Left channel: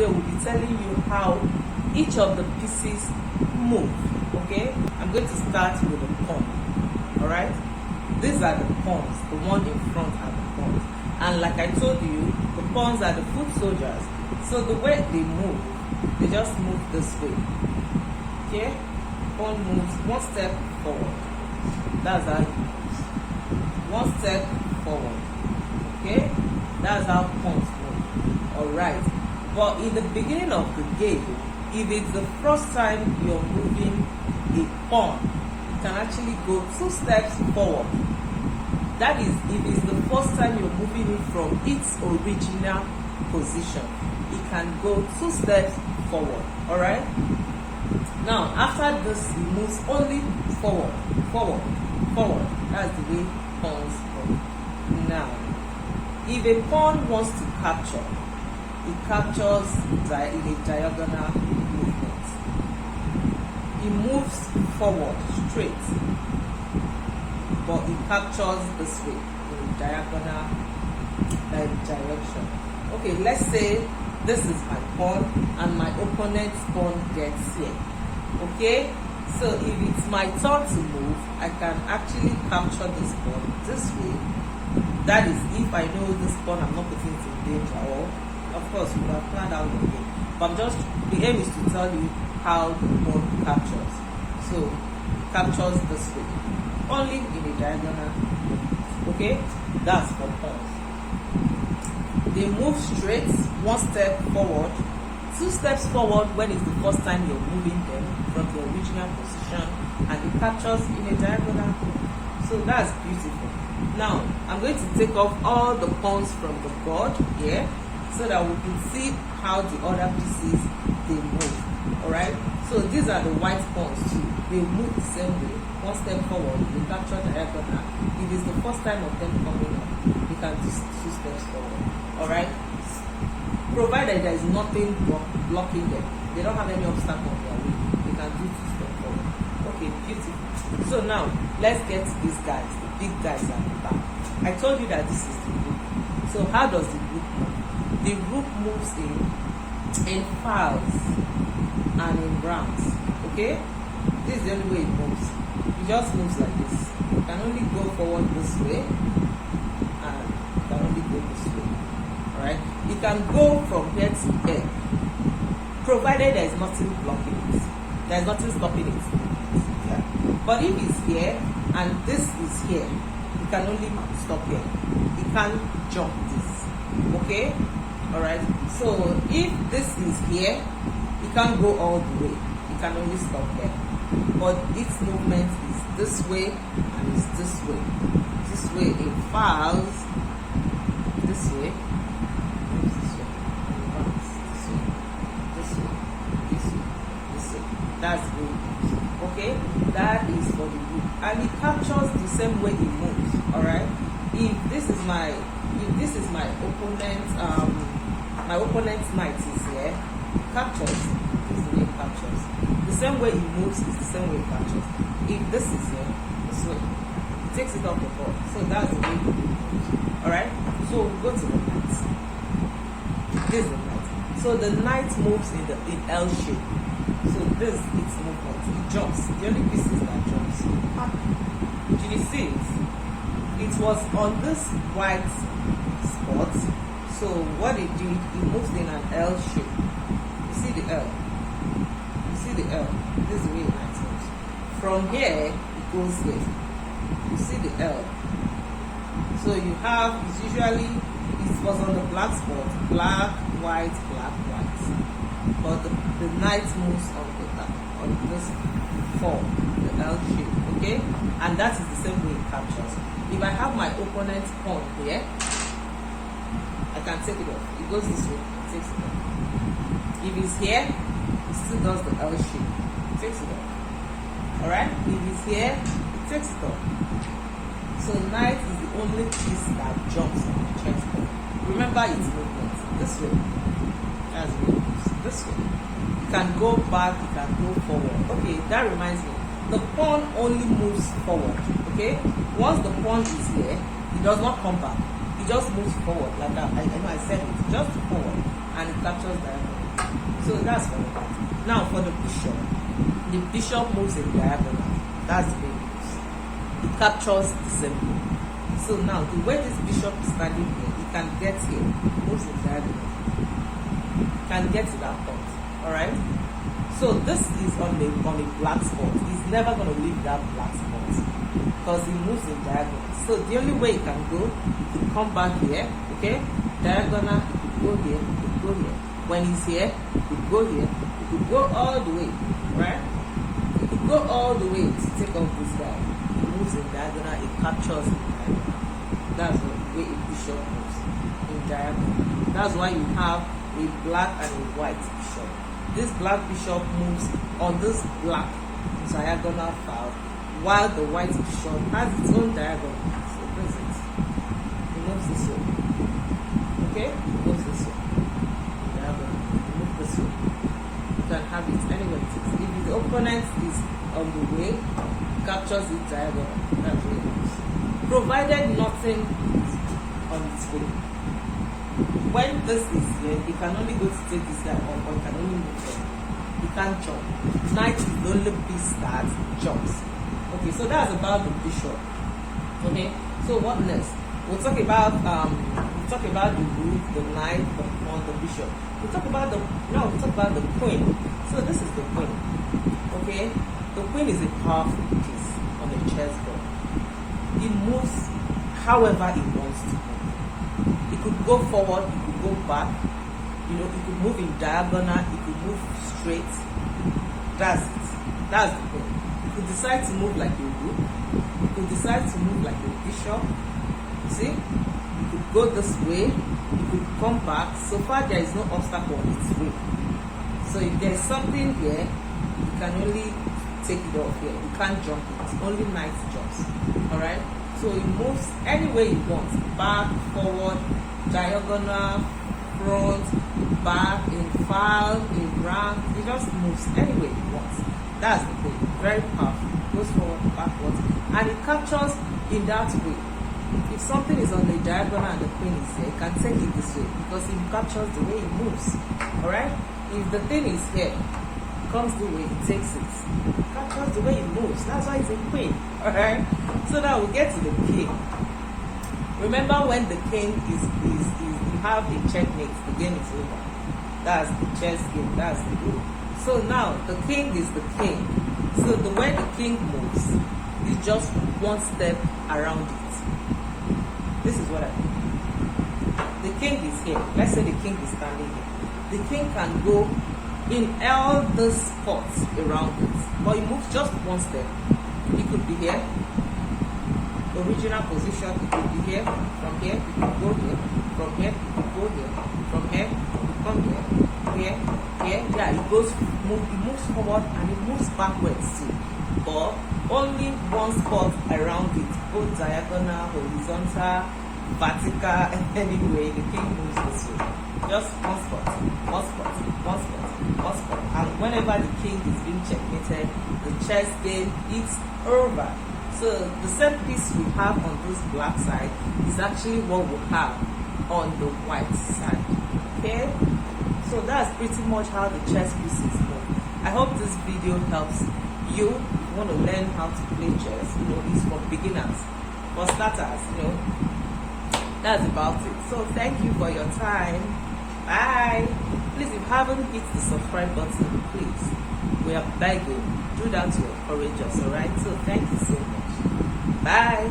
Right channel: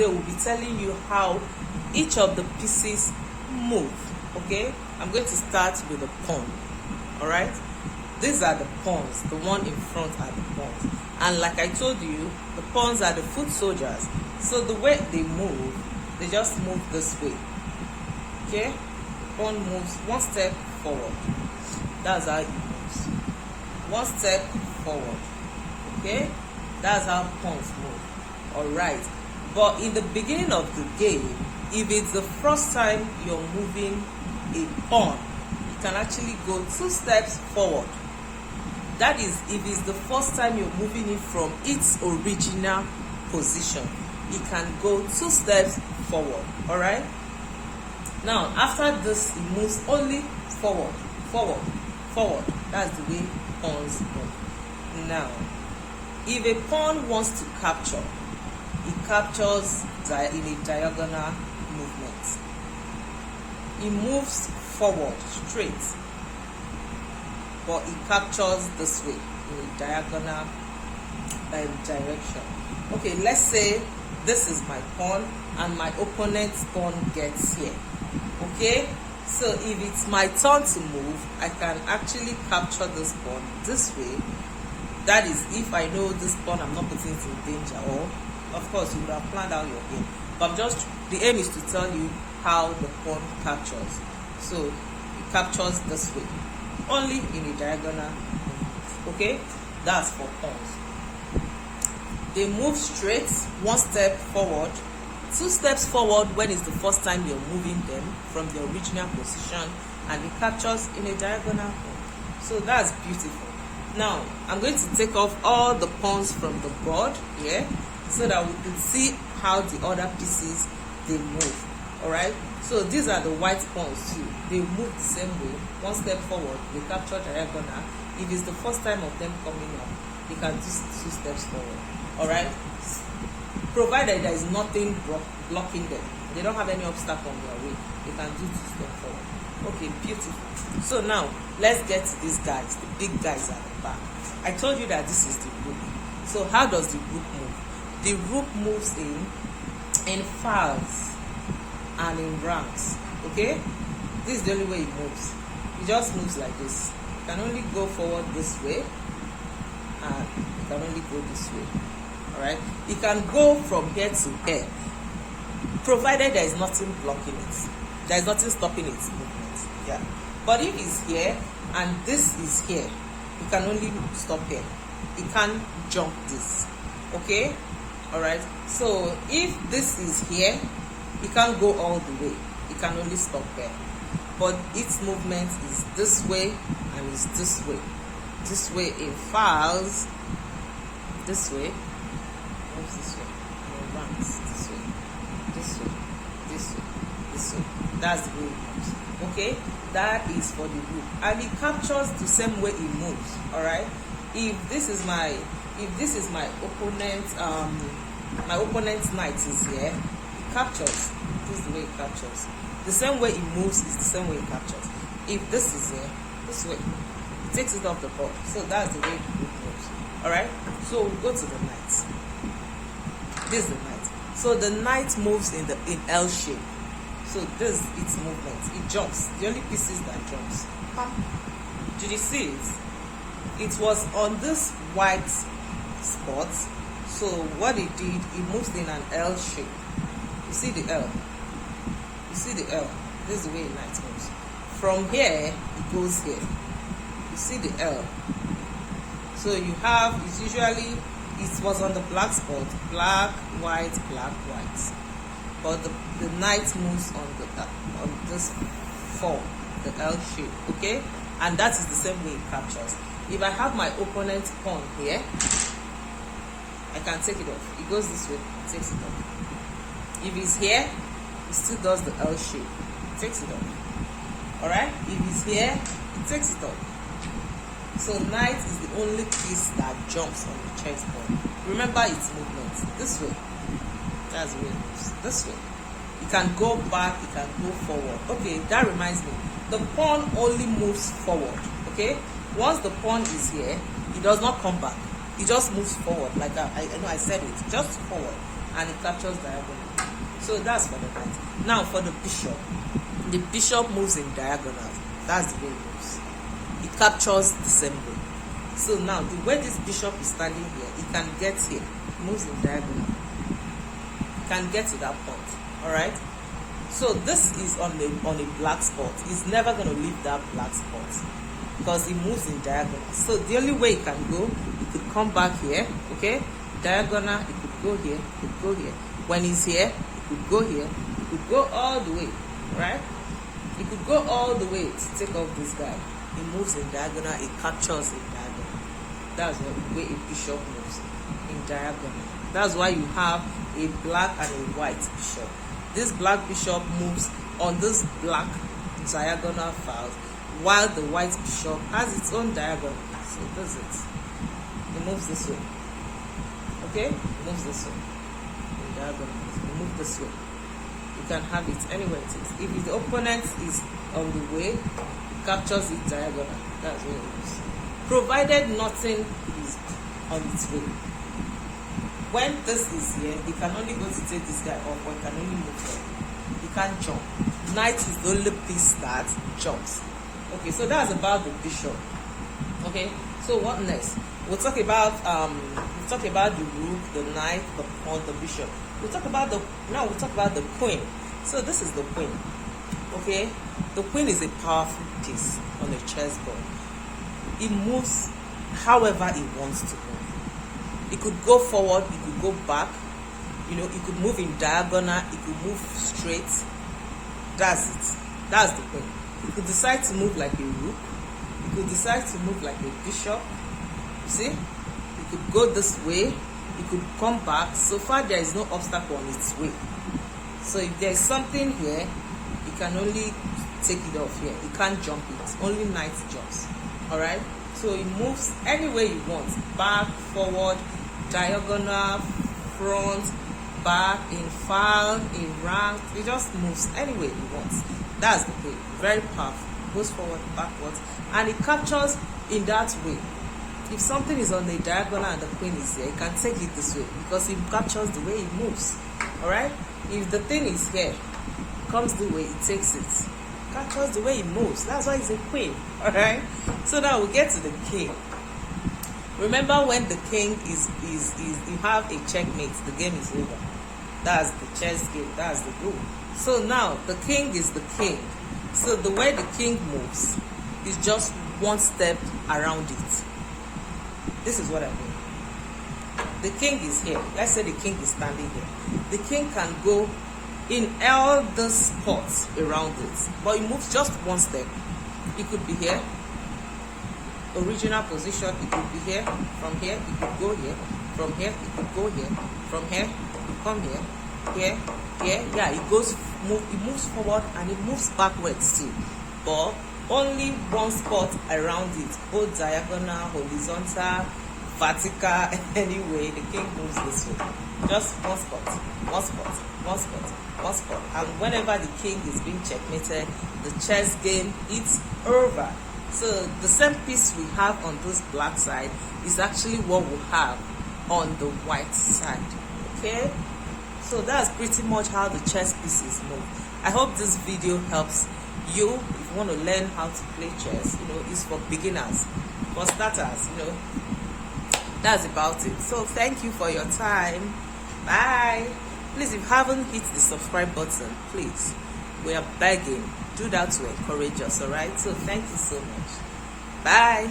today will be telling you how each of the pieces move. Okay, I'm going to start with the pawn. All right, these are the pawns. The one in front are the pawns, and like I told you, the pawns are the foot soldiers. So the way they move, they just move this way. Okay, pawn moves one step forward. That's how it moves. One step forward. Okay, that's how pawns move. All right, but in the beginning of the game, if it's the first time you're moving a pawn, you can actually go 2 steps forward. That is, if it's the first time you're moving it from its original position, it can go 2 steps forward. All right. Now, after this, it moves only forward, forward, forward. That's the way pawns go. Now, if a pawn wants to capture, it captures in a diagonal movement. It moves forward straight, but it captures this way in a diagonal direction. Okay, let's say this is my pawn and my opponent's pawn gets here. Okay, so if it's my turn to move, I can actually capture this pawn this way. That is, if I know this pawn, I'm not putting it in danger. Or, of course, you can plan out your game. But just the aim is to tell you how the pawn captures. So, captures this way, only in a diagonal. Okay, that's for pawns. They move straight, 1 step forward, 2 steps forward when it's the first time you're moving them from the original position, and it captures in a diagonal. So that's beautiful. Now I'm going to take off all the pawns from the board here so that we can see how the other pieces they move. All right, so these are the white pawns too. They move the same way, 1 step forward, they capture diagonal. If it's the first time of them coming up, you can do 2 steps forward. All right, provided there is nothing blocking them, they don't have any obstacle on their way, they can do 2 steps forward. Okay, beautiful. So now let's get to these guys, the big guys at the back. I told you that this is the rook. So how does the rook move? The rook moves in files and in rounds. Okay, this is the only way it moves. It just moves like this. You can only go forward this way, and you can only go this way. Right? You can go from here to here, provided there is nothing blocking it. There is nothing stopping it. Yeah. But if it's here and this is here, you can only stop here. You can't jump this. Okay? Alright. So if this is here, you can't go all the way. You can only stop here. But its movement is this way and it's this way. This way in files. This way. That's the way it moves. Okay, that is for the group, and it captures the same way it moves. All right. If this is my opponent, my opponent's knight is here, it captures. This is the way it captures. The same way it moves is the same way it captures. If this is here, this way, it takes it off the board. So that's the way the group moves. All right. So go to the knight. This is the knight. So the knight moves in L shape. So this its movement. It jumps. The only pieces that jumps. Did you see it? It was on this white spot. So what it did, it moves in an L shape. You see the L. You see the L. This is the way the knight moves. From here, it goes here. You see the L. So you have, it's usually, it was on the black spot, black, white, black, white. But the knight moves on this form, the L shape, okay? And that is the same way it captures. If I have my opponent's pawn here, I can take it off. It goes this way, it takes it off. If it's here, it still does the L shape, it takes it off. Alright? If it's here, it takes it off. So knight is the only piece that jumps on the chessboard. Remember its movement this way. That's the way it moves. This way. You can go back, you can go forward. Okay, that reminds me. The pawn only moves forward. Okay? Once the pawn is here, it does not come back. It just moves forward. Like I know I said it. Just forward. And it captures diagonal. So that's for the knight. Now for the bishop moves in diagonal. That's the way it moves. It captures the symbol. So now the way this bishop is standing here, it can get here, moves in diagonal. Can get to that point. Alright? So this is on a black spot. It's never going to leave that black spot because it moves in diagonal. So the only way it can go, it could come back here, okay? Diagonal, it could go here, it could go here. When it's here, it could go here, it could go all the way, right? It could go all the way to take off this guy. It moves in diagonal, it captures in diagonal. That's the way a bishop moves in diagonal. That's why you have a black and a white bishop. This black bishop moves on this black diagonal file, while the white bishop has its own diagonal. So that's it. It moves this way. Okay? It moves this way. Diagonal. It moves this way. You can have it anywhere it is. If the opponent is on the way, captures it diagonal. That's where it moves. Provided nothing is on its way. When this is here, you can only go to take this guy off, or you can only move there. You can't jump. Knight is the only piece that jumps. Okay, so that's about the bishop. Okay, so what next? We'll talk about the rook, the knight, the pawn, the bishop. We'll talk about the queen. So this is the queen. Okay, the queen is a powerful piece on a chessboard. It moves however it wants to move. It could go forward, it could go back, it could move in diagonal, it could move straight. That's it. That's the point. You could decide to move like a rook. You could decide to move like a bishop. You see? You could go this way. You could come back. So far, there is no obstacle on its way. So if there's something here, you can only take it off here. You can't jump it. Only knight jumps. Alright? So it moves any way you want. Back, forward, diagonal, front, back, in file, in rank. It just moves any way it wants. That's the point. Very powerful. Goes forward, backwards. And it captures in that way. If something is on the diagonal and the queen is here, you can take it this way because it captures the way it moves. Alright? If the thing is here, comes the way it takes it. Captures the way it moves. That's why it's a queen. Alright? So now we get to the king. Remember when the king is you have a checkmate, the game is over. That's the chess game, that's the rule. So now the king is the king. So the way the king moves is just one step around it. This is what I mean. The king is here. Let's say the king is standing here. The king can go in all the spots around it, but it moves just one step. It could be here, original position. It could be here. From here, it could go here. From here, it could go here. From here, it could come here. Here, here, yeah. It moves forward and it moves backwards too, but only one spot around it, both diagonal, horizontal, vertical, anyway. The king moves this way. Just one spot, one spot, one spot, one spot. And whenever the king is being checkmated, the chess game is over. So the same piece we have on this black side is actually what we have on the white side. Okay? So that's pretty much how the chess pieces move. I hope this video helps you. If you want to learn how to play chess, it's for beginners, for starters, That's about it. So thank you for your time. Bye. Please, if you haven't hit the subscribe button, please, we are begging. Do that to encourage us, alright? So thank you so much. Bye.